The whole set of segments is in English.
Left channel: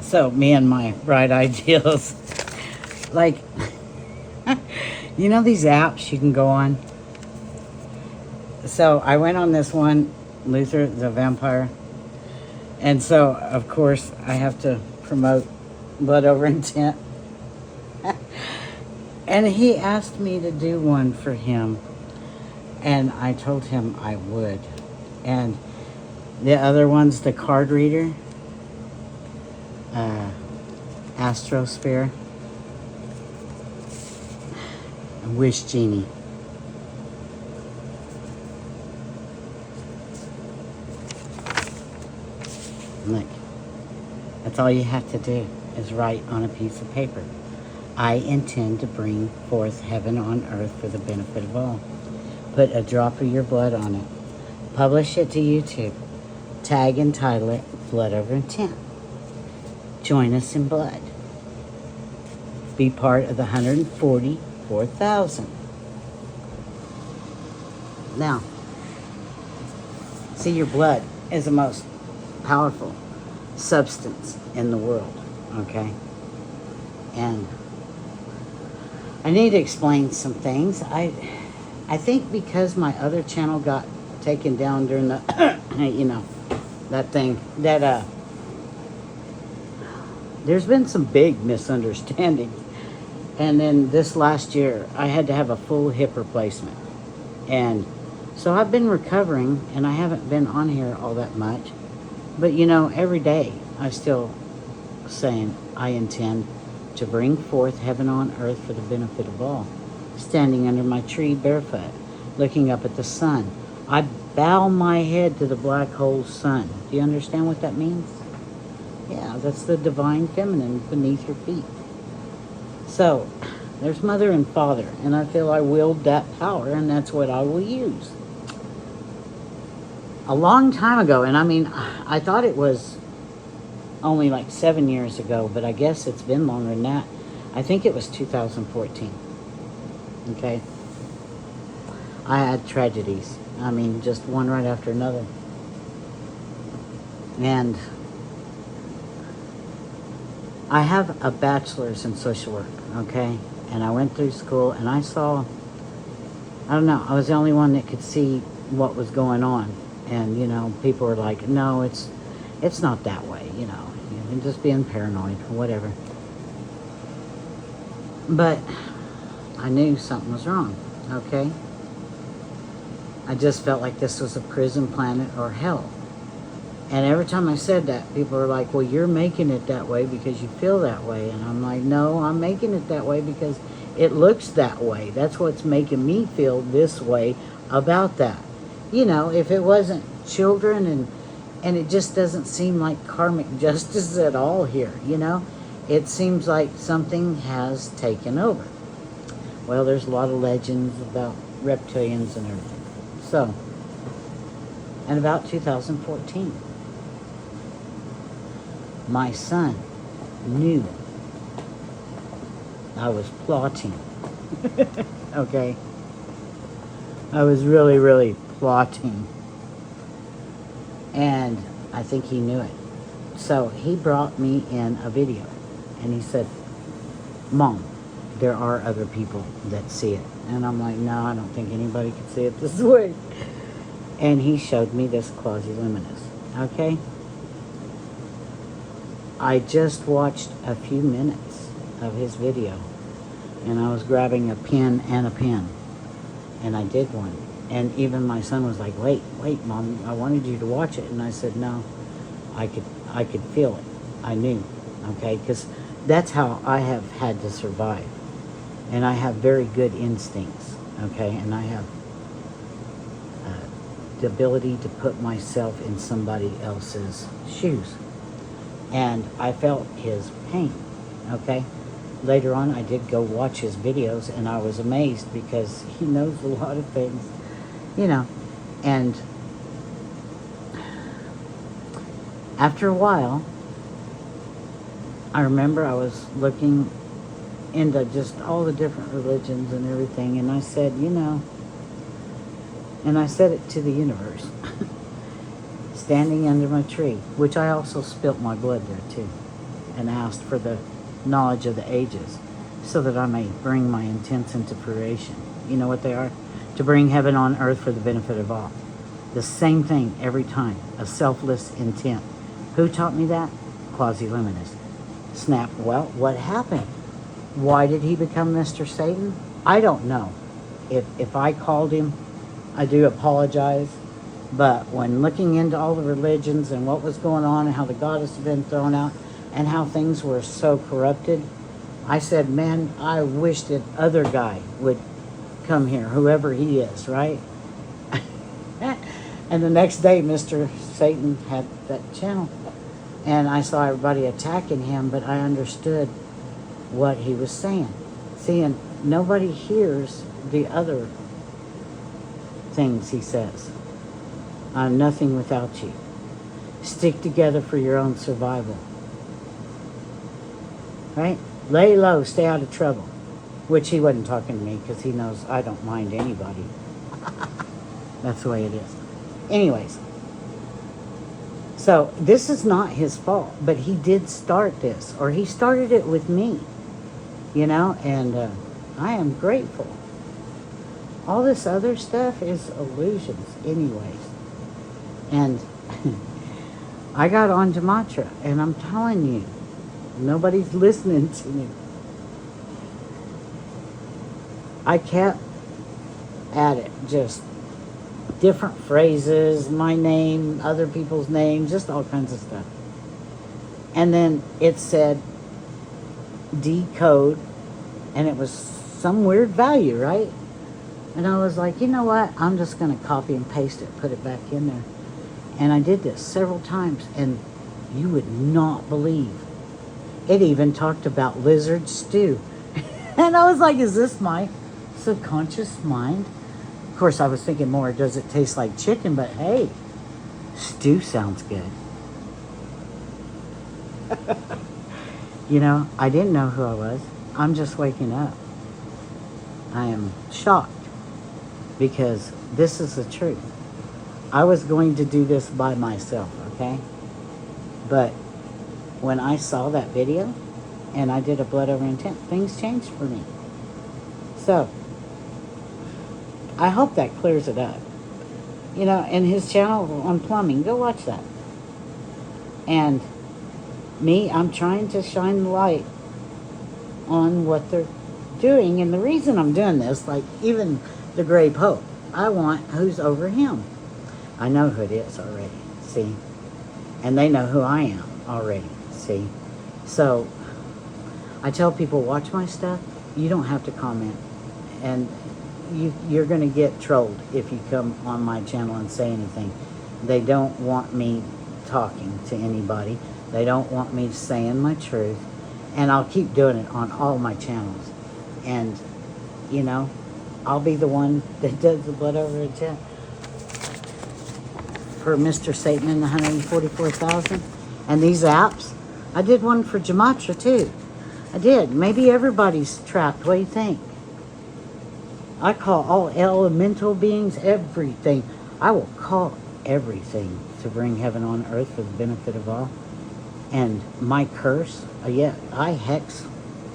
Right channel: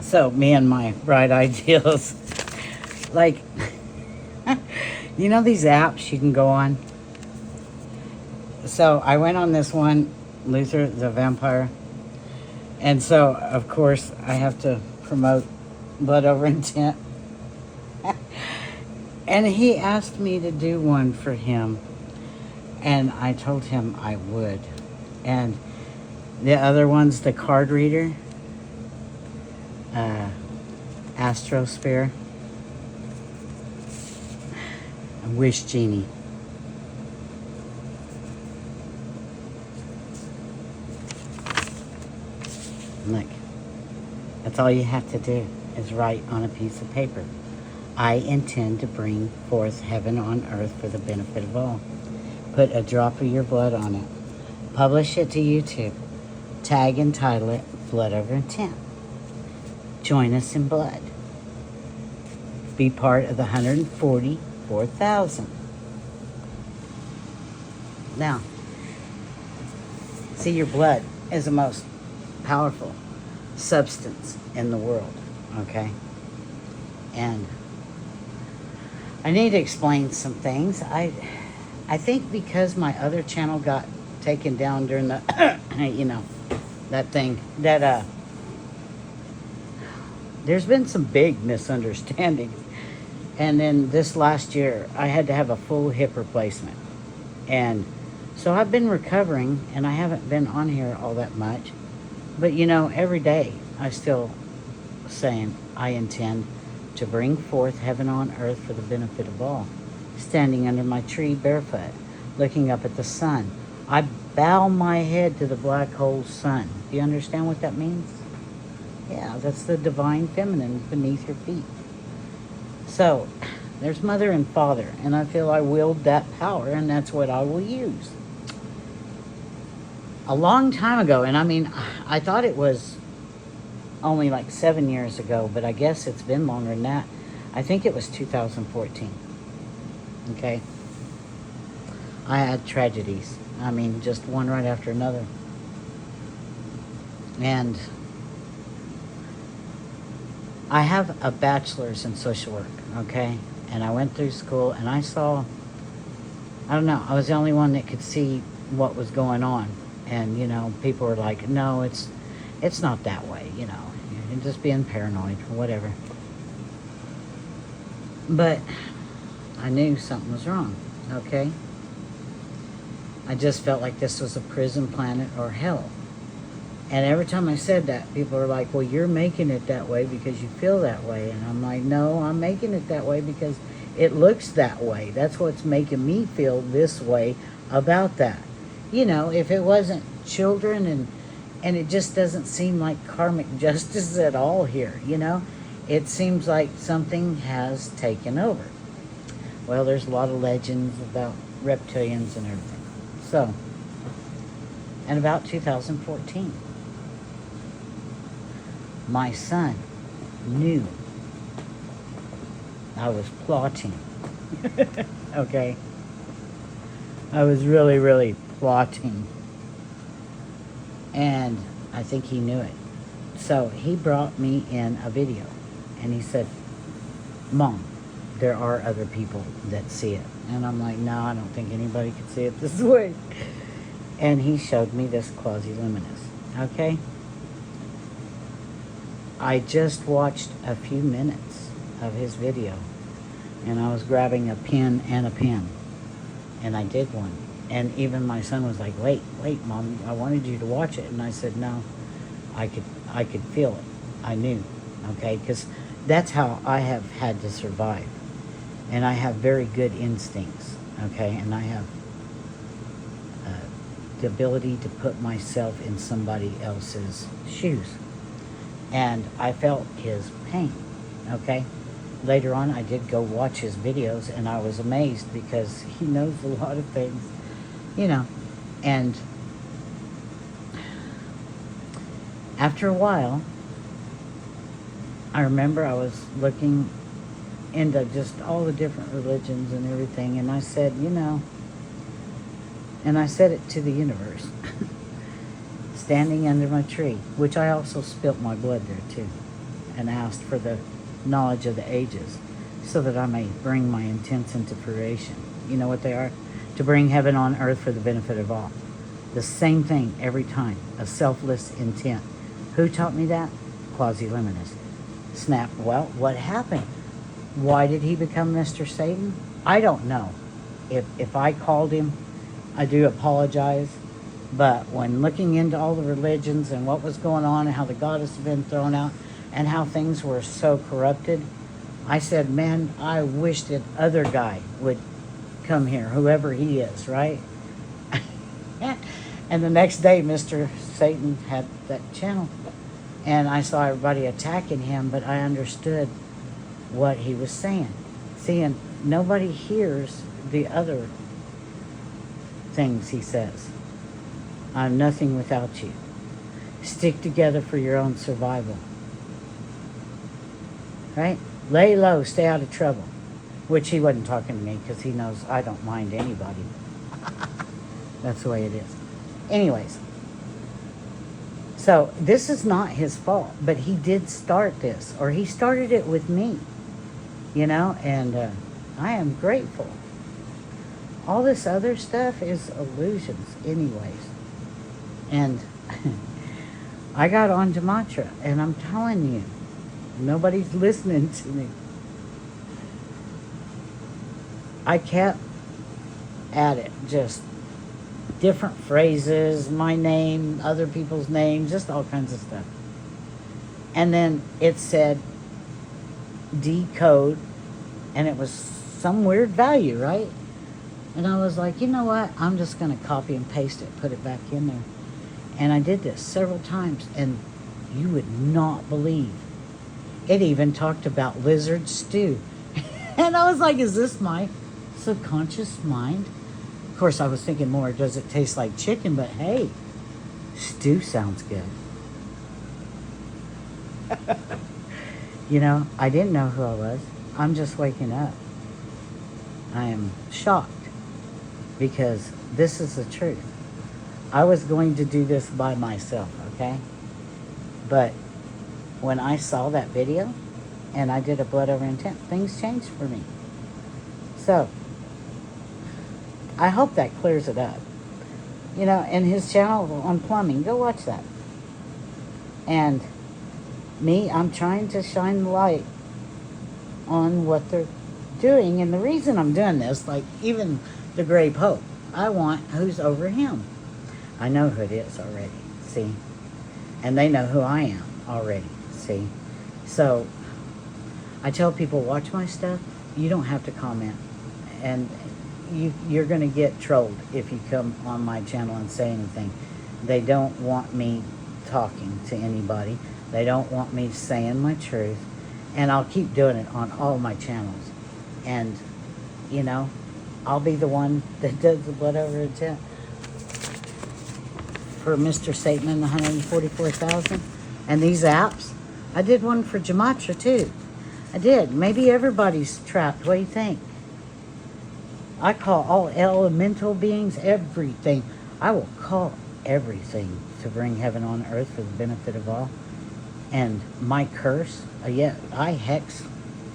So, me and my bright ideals. Like, you know these apps you can go on? So, I went on this one, Luther the Vampire. And so, of course, I have to promote Blood Over Intent. And he asked me to do one for him. And I told him I would. And the other one's the card reader. Astrosphere. Wish Genie. Look, that's all you have to do is write on a piece of paper. I intend to bring forth heaven on earth for the benefit of all. Put a drop of your blood on it. Publish it to YouTube. Tag and title it Blood Over Intent. Join us in blood. Be part of the 144,000. Now, see, your blood is the most powerful substance in the world, okay? And I need to explain some things. I think because my other channel got taken down during the, you know, that thing, that, there's been some big misunderstandings. And then this last year, I had to have a full hip replacement. And so I've been recovering, and I haven't been on here all that much. But, you know, every day, I still saying, I intend to bring forth heaven on earth for the benefit of all. Standing under my tree barefoot, looking up at the sun. I bow my head to the black hole sun. Do you understand what that means? Yeah, that's the divine feminine beneath your feet. So, there's mother and father, and I feel I willed that power, and that's what I will use. A long time ago, and I mean, I thought it was only like 7 years ago, but I guess it's been longer than that. I think it was 2014. Okay? I had tragedies. I mean, just one right after another. And I have a bachelor's in social work, okay? And I went through school and I saw, I don't know, I was the only one that could see what was going on. And, you know, people were like, no, it's not that way, you know. You're just being paranoid or whatever. But I knew something was wrong, okay? I just felt like this was a prison planet or hell. And every time I said that, people were like, well, you're making it that way because you feel that way. And I'm like, no, I'm making it that way because it looks that way. That's what's making me feel this way about that. You know, if it wasn't children and it just doesn't seem like karmic justice at all here, you know? It seems like something has taken over. Well, there's a lot of legends about reptilians and everything. So, in about 2014, my son knew I was plotting. Okay? I was really, really plotting. And I think he knew it. So he brought me in a video. And he said, Mom, there are other people that see it. And I'm like, no, I don't think anybody can see it this way. And he showed me this quasi-luminous. Okay? I just watched a few minutes of his video. And I was grabbing a pen and a pen. And I did one. And even my son was like, wait, Mom, I wanted you to watch it. And I said, no, I could feel it. I knew, okay? Because that's how I have had to survive. And I have very good instincts, okay? And I have the ability to put myself in somebody else's shoes. And I felt his pain, okay? Later on, I did go watch his videos, and I was amazed because he knows a lot of things, you know. And after a while, I remember I was looking into just all the different religions and everything, and I said, you know, and I said it to the universe, standing under my tree, which I also spilt my blood there too. and asked for the knowledge of the ages, so that I may bring my intents into fruition. You know what they are? To bring heaven on earth for the benefit of all. The same thing every time, a selfless intent. Who taught me that? Quasi-Luminous. Snap, well, what happened? Why did he become Mr. Satan? I don't know. If I called him, I do apologize. But when looking into all the religions and what was going on and how the goddess had been thrown out and how things were so corrupted, I said, man, I wish that other guy would come here, whoever he is, right? And the next day, Mr. Satan had that channel. And I saw everybody attacking him, but I understood what he was saying. Seeing nobody hears the other things he says. I'm nothing without you. Stick together for your own survival. Right? Lay low, stay out of trouble. Which he wasn't talking to me because he knows I don't mind anybody. That's the way it is. Anyways. So this is not his fault, but he did start this, or he started it with me, you know, and I am grateful. All this other stuff is illusions anyways. And I got on Gematria, and I'm telling you, nobody's listening to me. I kept at it, just different phrases, my name, other people's names, just all kinds of stuff. And then it said decode, and it was some weird value, right? And I was like, you know what? I'm just going to copy and paste it, put it back in there. And I did this several times, and you would not believe. It even talked about lizard stew. And I was like, is this my subconscious mind? Of course, I was thinking more, does it taste like chicken? But hey, stew sounds good. You know, I didn't know who I was. I'm just waking up. I am shocked because this is the truth. I was going to do this by myself, okay? But when I saw that video and I did a blood over intent, things changed for me. So I hope that clears it up. You know, and his channel on plumbing, go watch that. And me, I'm trying to shine the light on what they're doing. And the reason I'm doing this, like even the Gray Pope, I want who's over him. I know who it is already, see? And they know who I am already, see? So I tell people, watch my stuff. You don't have to comment. And you're going to get trolled if you come on my channel and say anything. They don't want me talking to anybody. They don't want me saying my truth. And I'll keep doing it on all my channels. And, you know, I'll be the one that does the blood over intent for Mr. Satan and the 144,000. And these apps, I did one for Gematria too. I did. Maybe everybody's trapped. What do you think? I call all elemental beings, everything. I will call everything to bring heaven on earth for the benefit of all. And my curse, yeah, I hex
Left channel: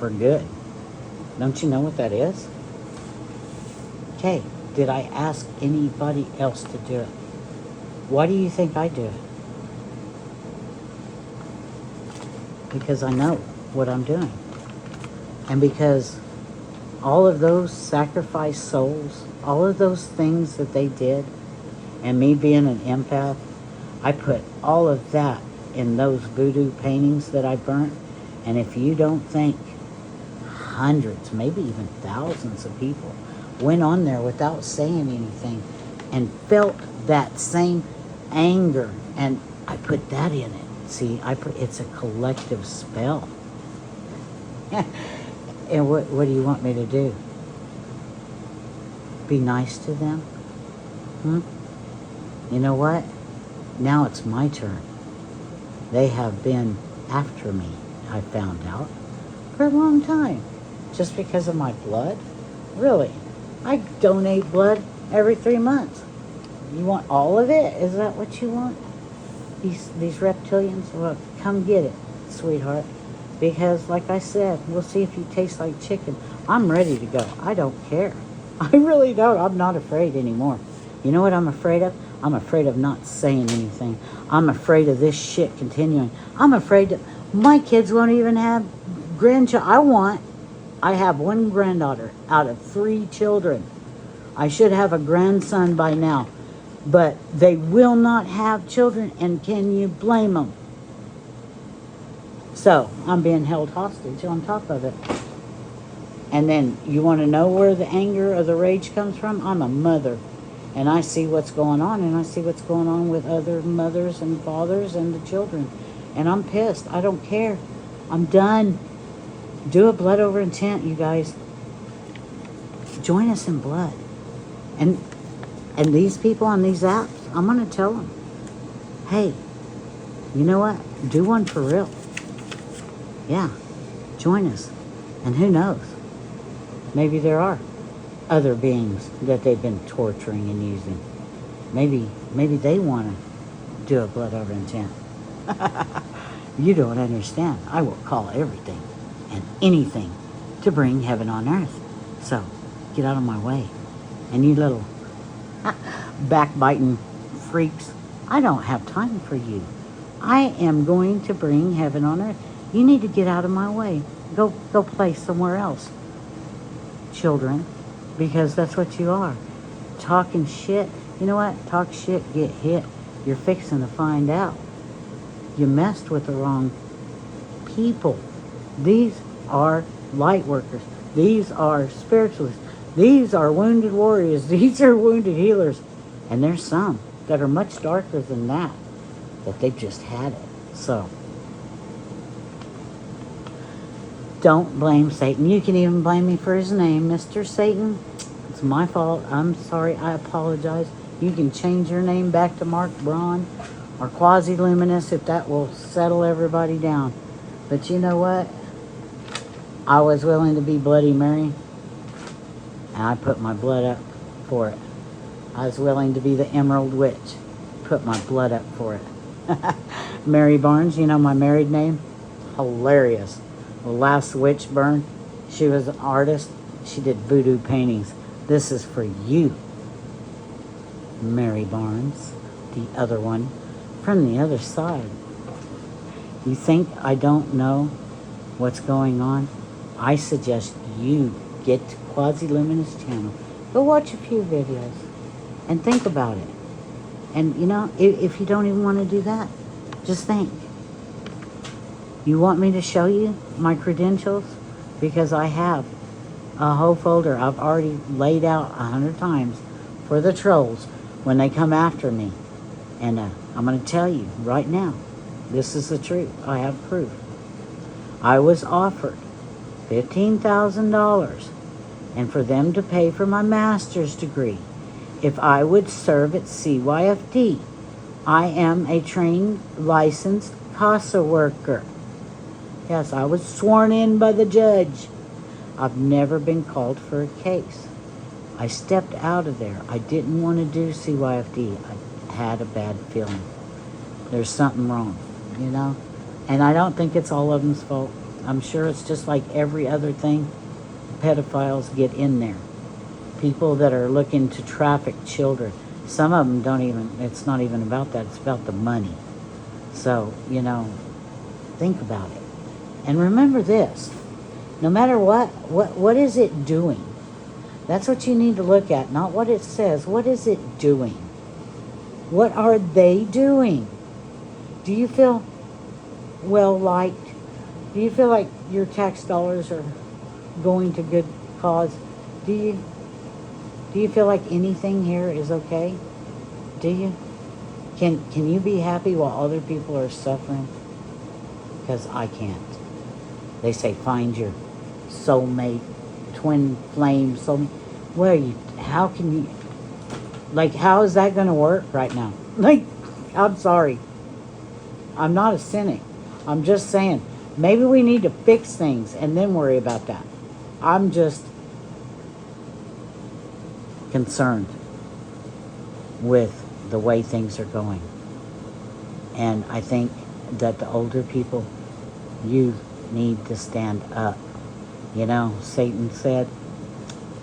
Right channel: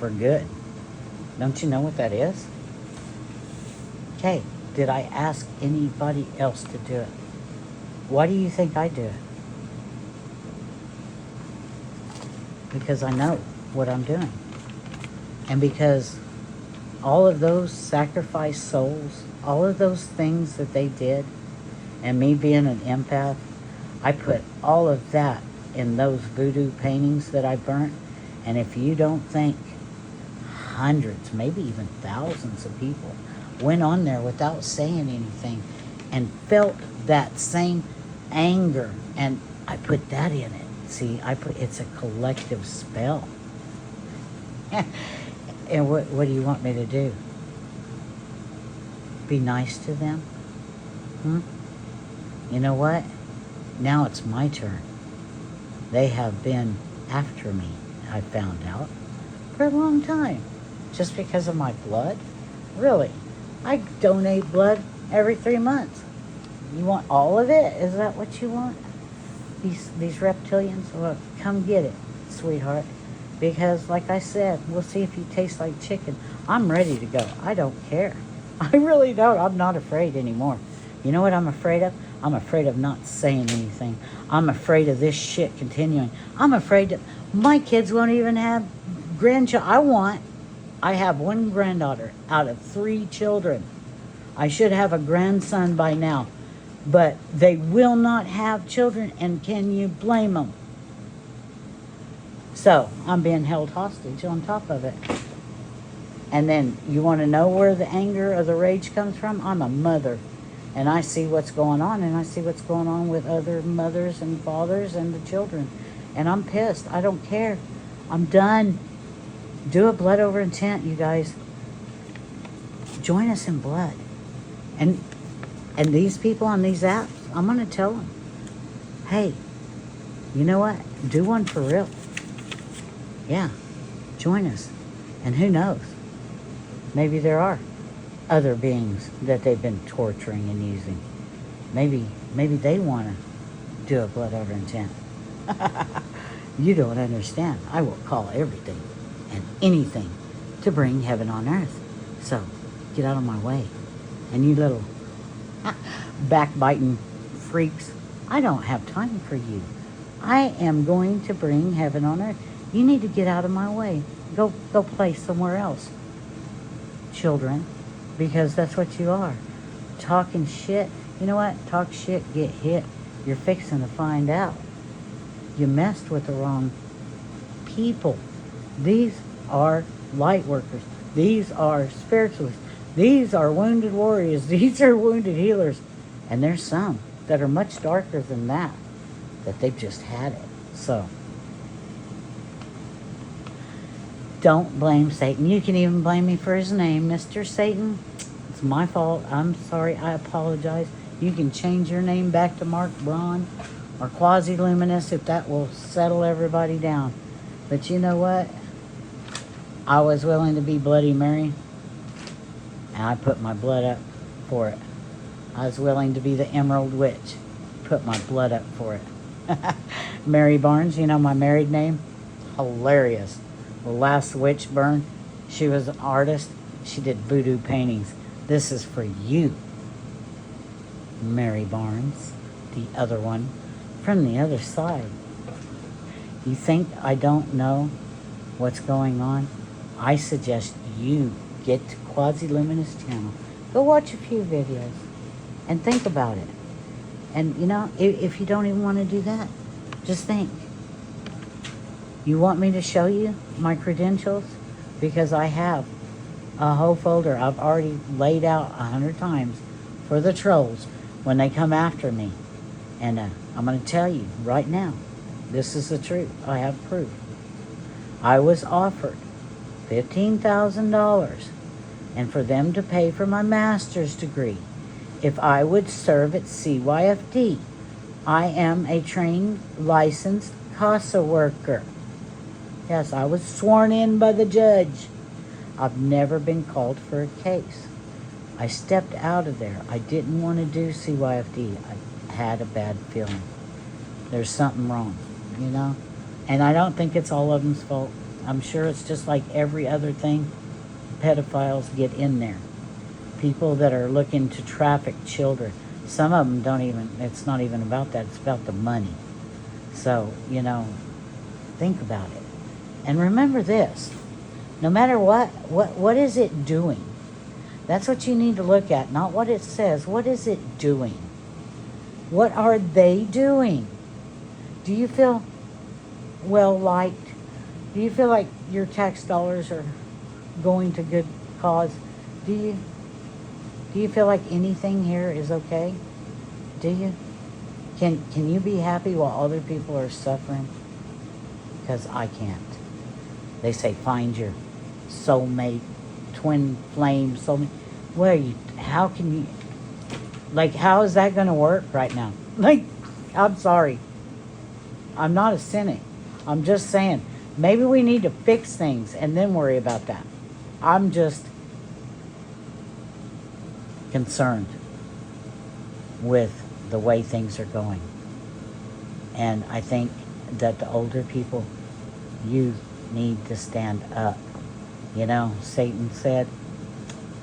for good. Don't you know what that is? Okay, did I ask anybody else to do it? Why do you think I do it? Because I know what I'm doing. And because all of those sacrificed souls, all of those things that they did, and me being an empath, I put all of that in those voodoo paintings that I burnt. And if you don't think hundreds, maybe even thousands of people went on there without saying anything and felt that same anger, and I put that in it. See, it's a collective spell. And what do you want me to do? Be nice to them? You know what? Now it's my turn. They have been after me, I found out, for a long time. Just because of my blood? Really? I donate blood every 3 months. You want all of it? Is that what you want? These reptilians? Well, come get it, sweetheart. Because, like I said, we'll see if you taste like chicken. I'm ready to go. I don't care. I really don't. I'm not afraid anymore. You know what I'm afraid of? I'm afraid of not saying anything. I'm afraid of this shit continuing. I'm afraid that my kids won't even have grandchildren. I have one granddaughter out of 3 children. I should have a grandson by now. But they will not have children, and can you blame them? So, I'm being held hostage on top of it. And then, you want to know where the anger or the rage comes from? I'm a mother. And I see what's going on, and I see what's going on with other mothers and fathers and the children. And I'm pissed. I don't care. I'm done. Do a blood over intent, you guys. Join us in blood. And these people on these apps, I'm going to tell them, hey, you know what? Do one for real. Yeah, join us. And who knows? Maybe there are other beings that they've been torturing and using. Maybe they want to do a blood over intent. You don't understand. I will call everything and anything to bring heaven on earth. So, get out of my way. And you little backbiting freaks, I don't have time for you. I am going to bring heaven on earth. You need to get out of my way. Go play somewhere else, children, because that's what you are. Talking shit. You know what? Talk shit, get hit. You're fixing to find out. You messed with the wrong people. These are light workers. These are spiritualists. These are wounded warriors. These are wounded healers. And there's some that are much darker than that, but they've just had it. So, don't blame Satan. You can even blame me for his name, Mr. Satan. It's my fault. I'm sorry. I apologize. You can change your name back to Mark Braun or Quasi-Luminous if that will settle everybody down. But you know what? I was willing to be Bloody Mary, and I put my blood up for it. I was willing to be the Emerald Witch. Put my blood up for it. Mary Barnes, you know my married name? Hilarious. The last witch burn, she was an artist. She did voodoo paintings. This is for you, Mary Barnes, the other one, from the other side. You think I don't know what's going on? I suggest you get to Quasi-Luminous channel. Go watch a few videos and think about it. And you know, if you don't even want to do that, just think. You want me to show you my credentials? Because I have a whole folder I've already laid out 100 times for the trolls when they come after me. And I'm going to tell you right now, this is the truth. I have proof. I was offered $15,000 and for them to pay for my master's degree if I would serve at CYFD. I am a trained, licensed CASA worker. Yes, I was sworn in by the judge. I've never been called for a case. I stepped out of there. I didn't want to do CYFD. I had a bad feeling. There's something wrong, you know? And I don't think it's all of them's fault. I'm sure it's just like every other thing. Pedophiles get in there. People that are looking to traffic children. Some of them don't even, it's not even about that. It's about the money. So, you know, think about it. And remember this. No matter what is it doing? That's what you need to look at, not what it says. What is it doing? What are they doing? Do you feel well liked? Do you feel like your tax dollars are going to good cause? Do you feel like anything here is okay? Do you? Can you be happy while other people are suffering? Because I can't. They say find your soulmate, twin flame soulmate. Well, how can you? Like, how is that going to work right now? Like, I'm sorry. I'm not a cynic. I'm just saying, maybe we need to fix things and then worry about that. I'm just concerned with the way things are going. And I think that the older people, you need to stand up. You know, Satan said,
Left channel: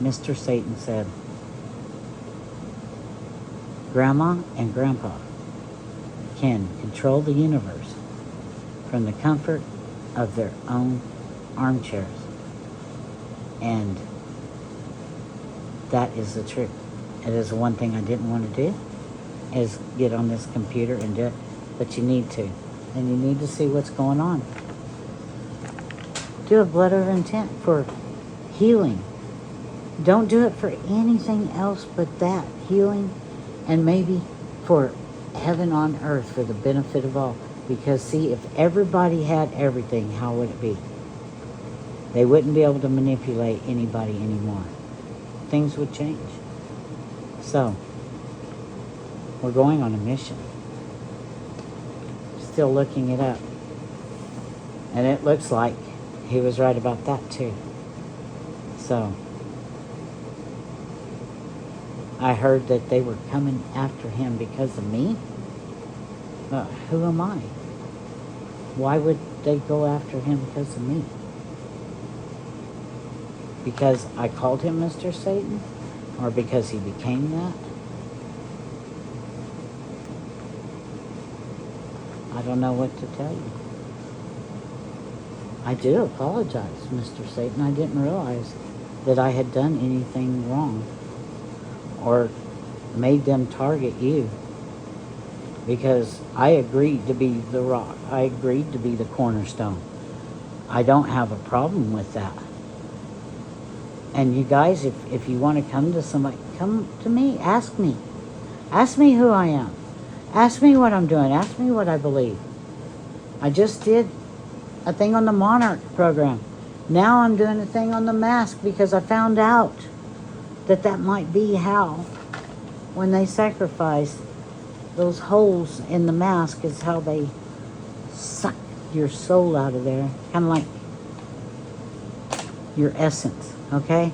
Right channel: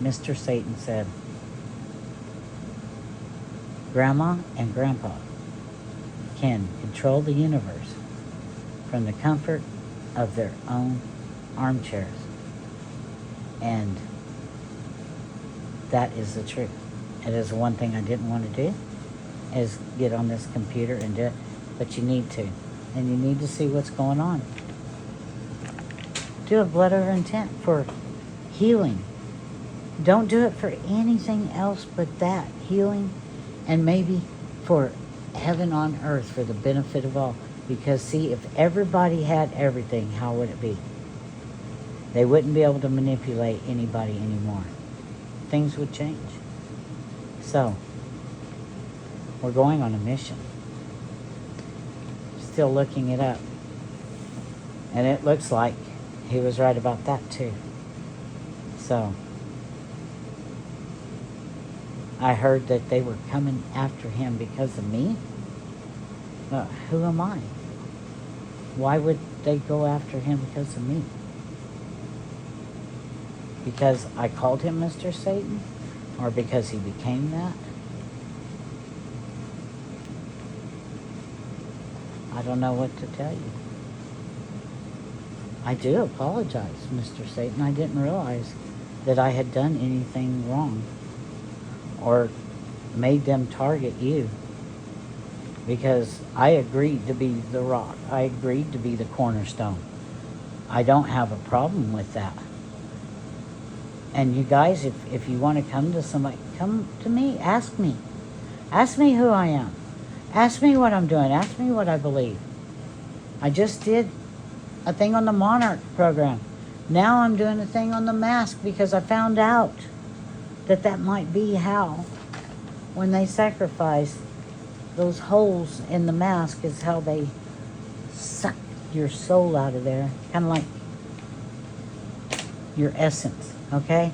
Mr. Satan said, Grandma and Grandpa can control the universe from the comfort of their own armchairs. And that is the truth. It is the one thing I didn't want to do, is get on this computer and do it. But you need to. And you need to see what's going on. Do a letter of intent for healing. Don't do it for anything else but that. Healing, and maybe for heaven on earth, for the benefit of all. Because see, if everybody had everything, how would it be? They wouldn't be able to manipulate anybody anymore. Things would change. So, we're going on a mission. Still looking it up. And it looks like he was right about that too. So, I heard that they were coming after him because of me. Who am I? Why would they go after him because of me? Because I called him Mr. Satan? Or because he became that? I don't know what to tell you. I do apologize, Mr. Satan. I didn't realize that I had done anything wrong or made them target you, because I agreed to be the rock. I agreed to be the cornerstone. I don't have a problem with that. And you guys, if you want to come to somebody, come to me. Ask me. Ask me who I am. Ask me what I'm doing. Ask me what I believe. I just did a thing on the Monarch program. Now I'm doing a thing on the mask because I found out that that might be how, when they sacrifice, those holes in the mask is how they suck your soul out of there. Kind of like your essence, okay?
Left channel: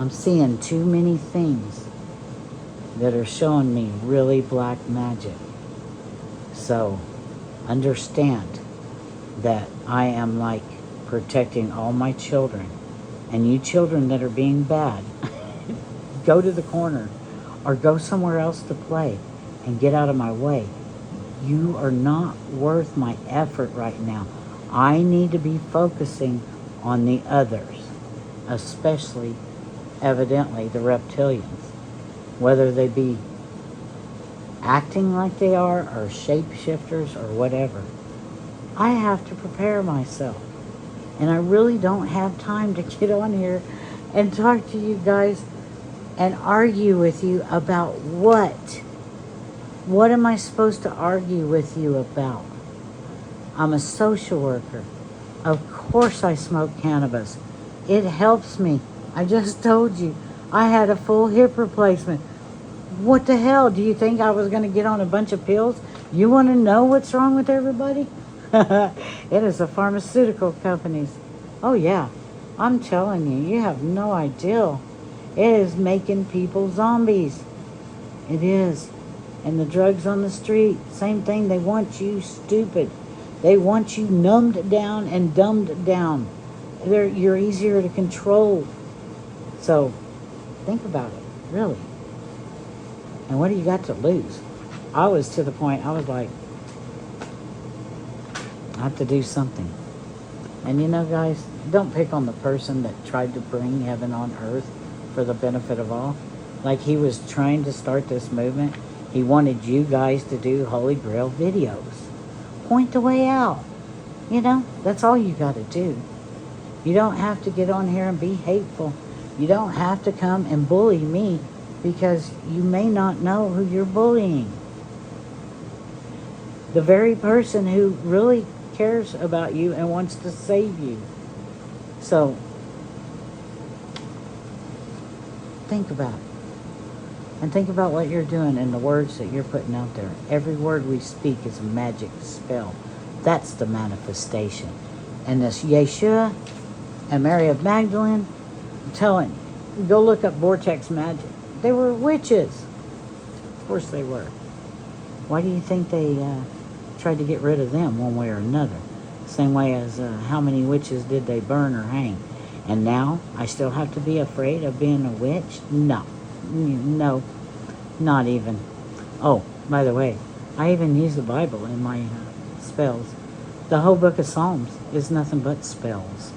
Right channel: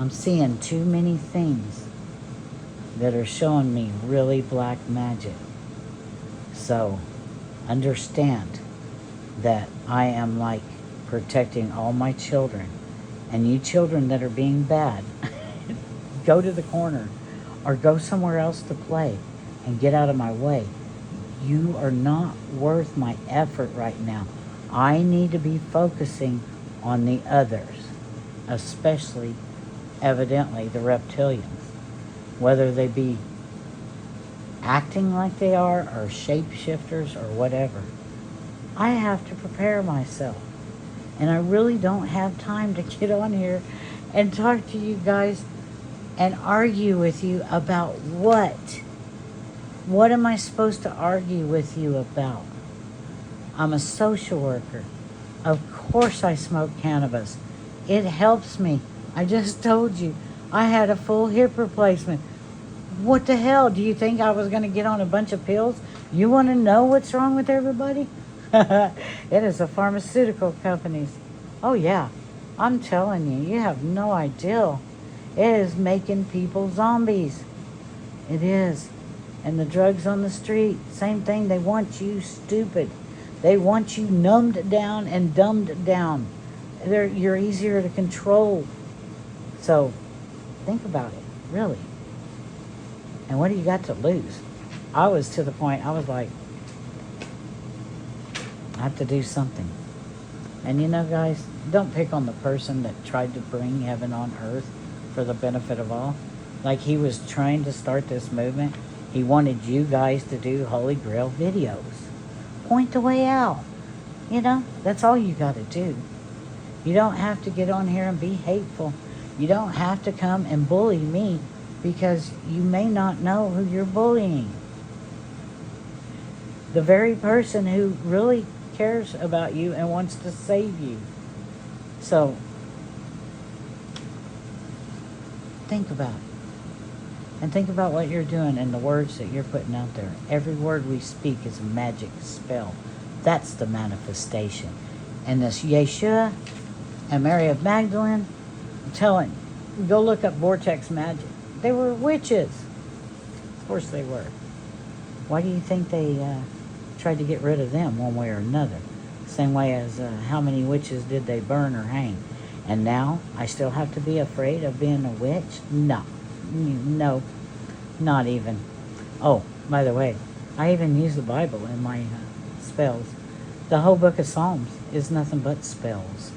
I'm seeing too many things that are showing me really black magic. So, understand that I am like protecting all my children. And you children that are being bad, go to the corner or go somewhere else to play and get out of my way. You are not worth my effort right now. I need to be focusing on the others, especially, evidently, the reptilians. Whether they be acting like they are or shapeshifters or whatever. I have to prepare myself. And I really don't have time to get on here and talk to you guys and argue with you about what? What am I supposed to argue with you about? I'm a social worker. Of course I smoke cannabis. It helps me. I just told you. I had a full hip replacement. What the hell? Do you think I was going to get on a bunch of pills? You want to know what's wrong with everybody? It is the pharmaceutical companies. Oh yeah, I'm telling you, you have no idea. It is making people zombies. It is. And the drugs on the street, same thing. They want you stupid. They want you numbed down and dumbed down. You're easier to control. So, think about it, really. And what do you got to lose? I was to the point, I was like, I have to do something. And you know, guys, don't pick on the person that tried to bring heaven on earth for the benefit of all. Like he was trying to start this movement. He wanted you guys to do Holy Grail videos. Point the way out. You know, that's all you got to do. You don't have to get on here and be hateful. You don't have to come and bully me because you may not know who you're bullying. The very person who really cares about you and wants to save you. So, think about it. And think about what you're doing and the words that you're putting out there. Every word we speak is a magic spell. That's the manifestation. And this Yeshua and Mary of Magdalene, I'm telling you, go look up Vortex Magic. They were witches. Of course they were. Why do you think they tried to get rid of them one way or another. Same way as how many witches did they burn or hang? And now I still have to be afraid of being a witch? No. No. Not even. Oh, by the way, I even use the Bible in my spells. The whole book of Psalms is nothing but spells.